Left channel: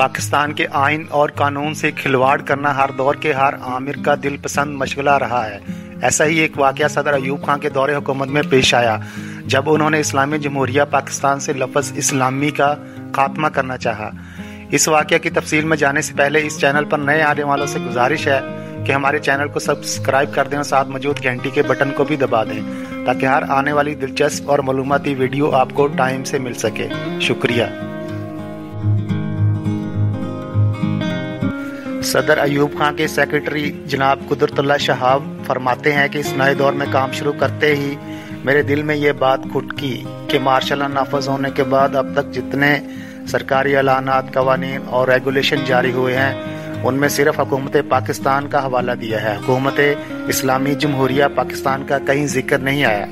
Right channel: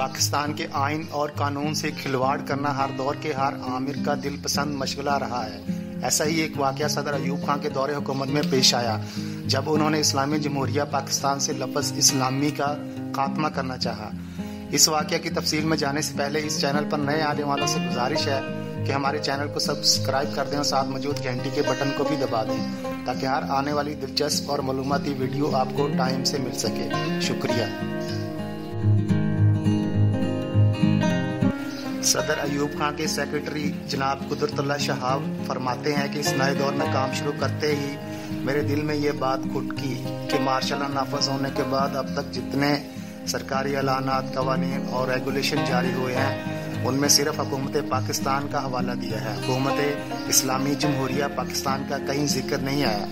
पाकिस्तान के आइन और कानून से खिलवाड़ करना हर दौर के हर आमिर का दिल पसंद मशगला रहा है। ऐसा ही एक वाक़या सदर अयूब खान के दौरे हुकूमत में पेश आया जब उन्होंने इस्लामी जमहूरिया पाकिस्तान से लफ्ज़ इस्लामी का खात्मा करना चाहा। इस वाक़या की तफसील में जाने से पहले इस चैनल पर नए आने वालों से गुजारिश है कि हमारे चैनल को सब्सक्राइब कर दें और साथ मौजूद घंटी के बटन को भी दबा दें ताकि हर आने वाली दिलचस्प और मालूमाती वीडियो आपको टाइम से मिल सके। शुक्रिया। सदर अयूब खान के सेक्रेटरी जनाब कुदरतुल्लाह शहाब फरमाते हैं कि इस नए दौर में काम शुरू करते ही मेरे दिल में ये बात खुटकी कि मार्शल लॉ नाफज होने के बाद अब तक जितने सरकारी ऐलानात, कवानीन और रेगुलेशन जारी हुए हैं उनमें सिर्फ हुकूमत पाकिस्तान का हवाला दिया है। हुकूमत इस्लामी जमहूरिया पाकिस्तान का कहीं जिक्र नहीं आया।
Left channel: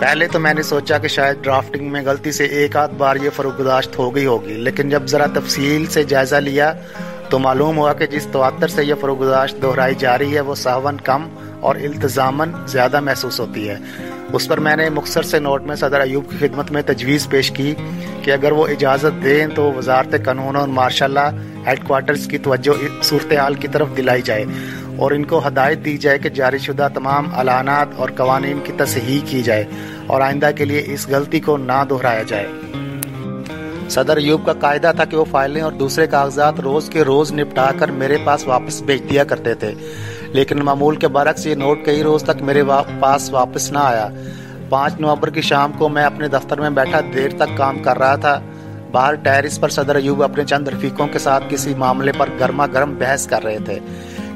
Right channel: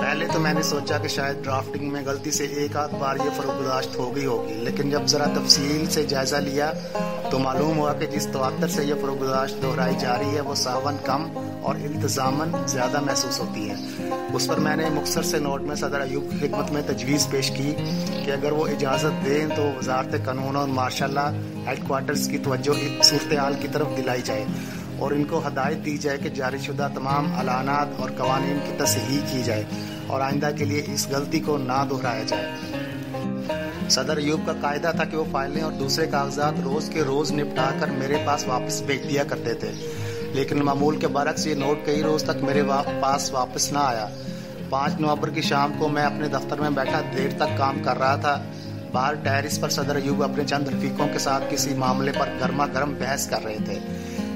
पहले तो मैंने सोचा कि शायद ड्राफ्टिंग में गलती से एक आध बार ये फरोगदाश्त हो गई होगी, लेकिन जब ज़रा तफसील से जायज़ा लिया तो मालूम हुआ कि जिस तवत्तर से यह फरोगदाश्त दोहराई जा रही है वो सहवन कम और इल्तज़ामन ज़्यादा महसूस होती है। उस पर मैंने मुख्तसर से नोट में सदर अयूब की खिदमत में तजवीज़ पेश की कि अगर वो इजाज़त दें तो वजारत कानून और मार्शल लॉ हेडक्वार्टर्स की तवज्जो सूरत हाल की तरफ दिलाई जाए और इनको हदायत दी जाए कि जारी शुदा तमाम अलानात और कवानीन की तसहीह की जाए और आइंदा के लिए इस गलती को ना दोहराया जाए। सदर अयूब का कायदा था कि वो फाइलें और दूसरे कागजात रोज़ के रोज़ निपटा कर मेरे पास वापस भेज दिया करते थे, लेकिन मामूल के बरक्स ये नोट कई रोज़ तक मेरे पास वापस ना आया। 5 नवंबर की शाम को मैं अपने दफ्तर में बैठा देर तक काम कर रहा था। बाहर टेरिस पर सदर अयूब अपने चंद रफीकों के साथ किसी मामले पर गर्मा गर्म बहस कर रहे थे।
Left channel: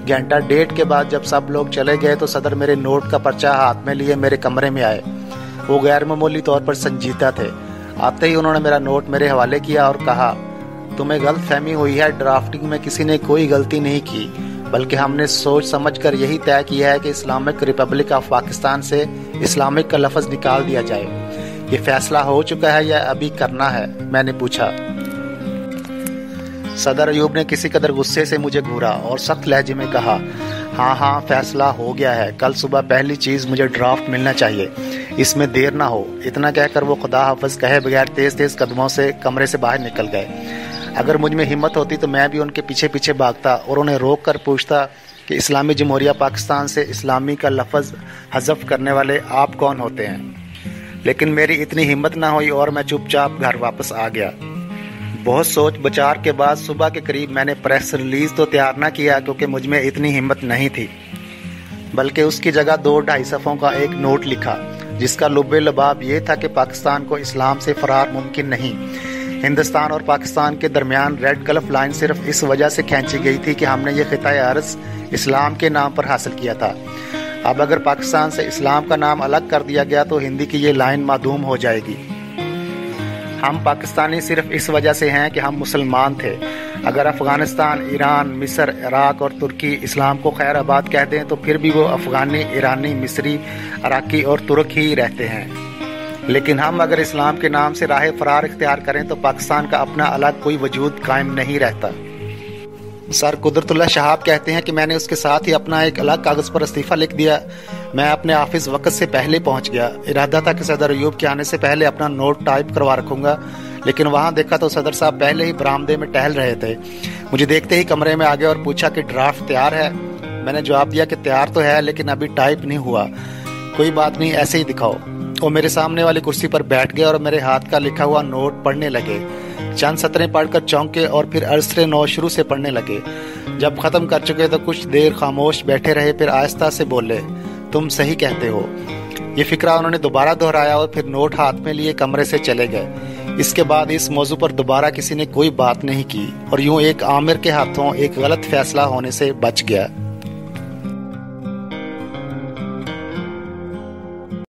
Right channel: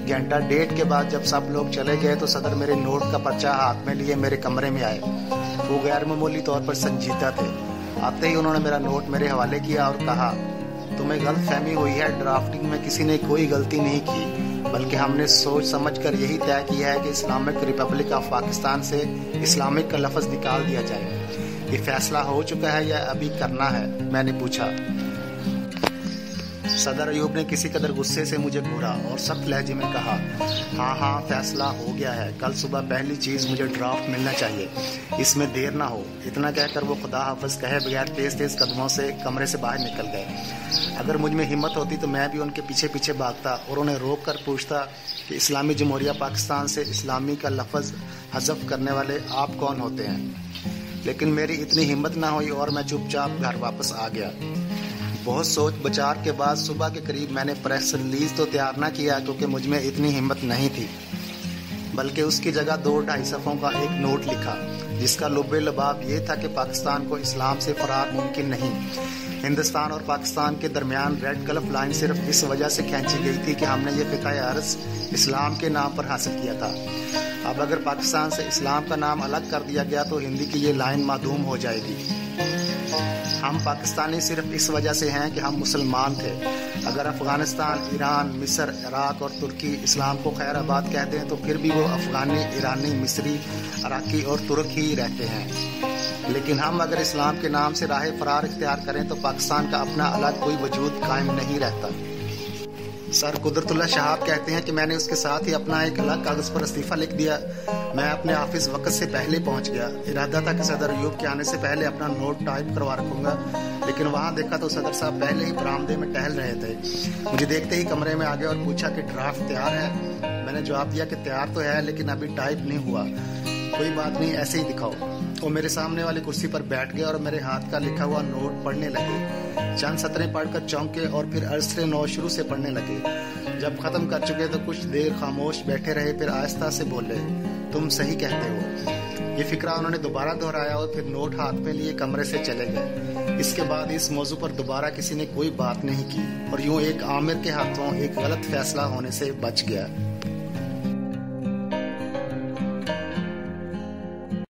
घंटा डेढ़ के बाद जब सब लोग चले गए तो सदर मेरे नोट का पर्चा हाथ में लिए मेरे कमरे में आए। वो गैर मामूली तौर पर संजीदा थे। आते ही उन्होंने मेरा नोट मेरे हवाले किया और कहा, तुम्हें गलत फहमी हुई है, ड्राफ्टिंग में किसी ने कोई गलती नहीं की, बल्कि हमने सोच समझ कर यही तय किया है कि इस्लामिक रिपब्लिक ऑफ पाकिस्तान से इस्लामिक का लफ्ज़ निकाल दिया जाए। ये फैसला हो चुका है या अभी करना है? मैंने पूछा। सदर अयूब ने किसी कदर गुस्से से मुझे घूरा और सख्त लहजे में कहा, हाँ फैसला हो गया है, कल सुबह पहली चीज़ मुझे ड्राफ्ट मिलना चाहिए, इसमें देर ना हो। इतना कहकर वो खुदा हाफिज कहे बगैर तेज तेज कदमों से कमरे से बाहर निकल गए। अगर मुझ में हिम्मत होती तो मैं भी उनके पीछे पीछे भागता और उन्हें रोक कर पूछता कि इस्लामी जमहूरिया पाकिस्तान से इस्लामी का लफ्ज़ हज़फ करने वाले आप कौन होते हैं, लेकिन मेरी इतनी हिम्मत ना हुई और मैं चुपचाप घर वापस आ गया। बहुत सोच विचार के बाद सुबह के करीब मैंने प्रेस रिलीज तो तैयार ना किया क्योंकि मुझ में इतनी हिम्मत नहीं थी, बल्कि उसकी जगह 2-2.5 सफ़ों का एक नोट लिखा जिसका लुब्बे लबाब ये था कि पाकिस्तान को इस्लाम से फरार मुमकिन नहीं। हिंदुस्तान और पाकिस्तान के दरमियान रेड गल्फ लाइन सिर्फ इस वजह से खींची गई थी कि हमने ये खिताए अर्ज़ इस्लाम के नाम पर हासिल किया था। अब अगर पाकिस्तान से इस्लाम का नाम अलग कर दिया गया तो हिंदी की ये लाइन मादूम हो जाएगी। हम पाकिस्तानी सिर्फ इस वजह से हैं कि हम मुसलमान थे। अगर अफ़गानिस्तान, ईरान, मिस्र, इराक और तुर्की इस्लाम को खैर आबाद कह दें तो फिर भी वो अफ़गानी, ईरानी, मिस्री, अराकी और तुर्क ही रहते हैं। लेकिन हम अगर इस्लाम के नाम से राह फरार इख्तियार करें तो पाकिस्तान का अपना अलग कोई वजूद कायम नहीं रहता। सर कुदरतुल्लाह शहाब कहते हैं कि मैंने उसके साथ ही अपना एक अलग कागज़ पर इस्तीफ़ा लिख दिया। मैं अपने ऑफिस वक्त से पहले पहुंच गया। इरादा था कि सदर अयूब के आने से पहले अपना नोट टाइप करवा रखूँगा, लेकिन वहाँ देखा तो सदर साहब पहले ही बरामदे में टहल रहे थे। मुझे देखते ही कमरे में आ गया और पूछा कि ड्राफ्ट तैयार है। मैंने जवाब दिया कि तैयार तो है लेकिन अभी टाइप नहीं हुआ। कोई बात नहीं, ऐसे ही दिखाओ। वो मेरे सामने वाली कुर्सी पर बैठ गए और मेरे हाथ का लिखा हुआ नोट पढ़ने लगे। चंद सतरें पढ़कर चौंके और फिर अर्सरे नौ शुरू से पढ़ने लगे। जब ख़त्म कर चुके तो कुछ देर खामोश बैठे रहे, फिर आहिस्ता से बोले, तुम सही कहते हो। ये फिक्रा उन्होंने दोबारा दोहराया और फिर नोट हाथ में लिए कमरे से चले गए। इसके बाद इस मौजू पर दोबारा किसी ने कोई बात नहीं की और यूं एक आमिर के हाथों एक गलत फैसला होने से बच गया।